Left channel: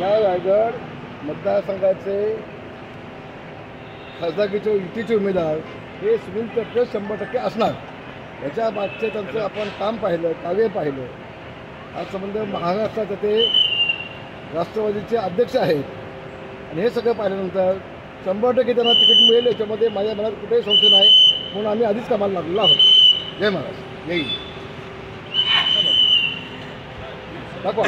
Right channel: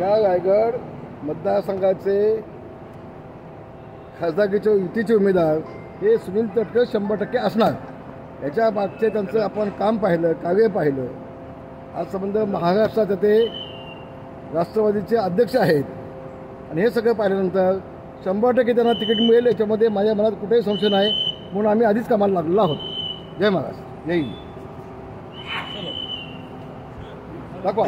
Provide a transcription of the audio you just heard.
या रायगड मतदारसंघाचे खासदारकीचे युतीचे उमेदवार हे सुनील तटकरे 100% असणार। याच्या मागचे त्यांचं आपण काम पाहिलं, कार्य पाहिलं। आज संबंध महाराष्ट्रात ते राष्ट्रवादीचे अध्यक्ष आहेत आणि हे सगळं पाहिल्यानंतर 100% त्यांना तिकीट मिळेल याच्यामध्ये माझ्या मनात कुठेही संशय नाही। म्हणून आम्ही आधीच कामाला लागलेलो आहोत। जय महाराज, जय हिंद। दाखवा।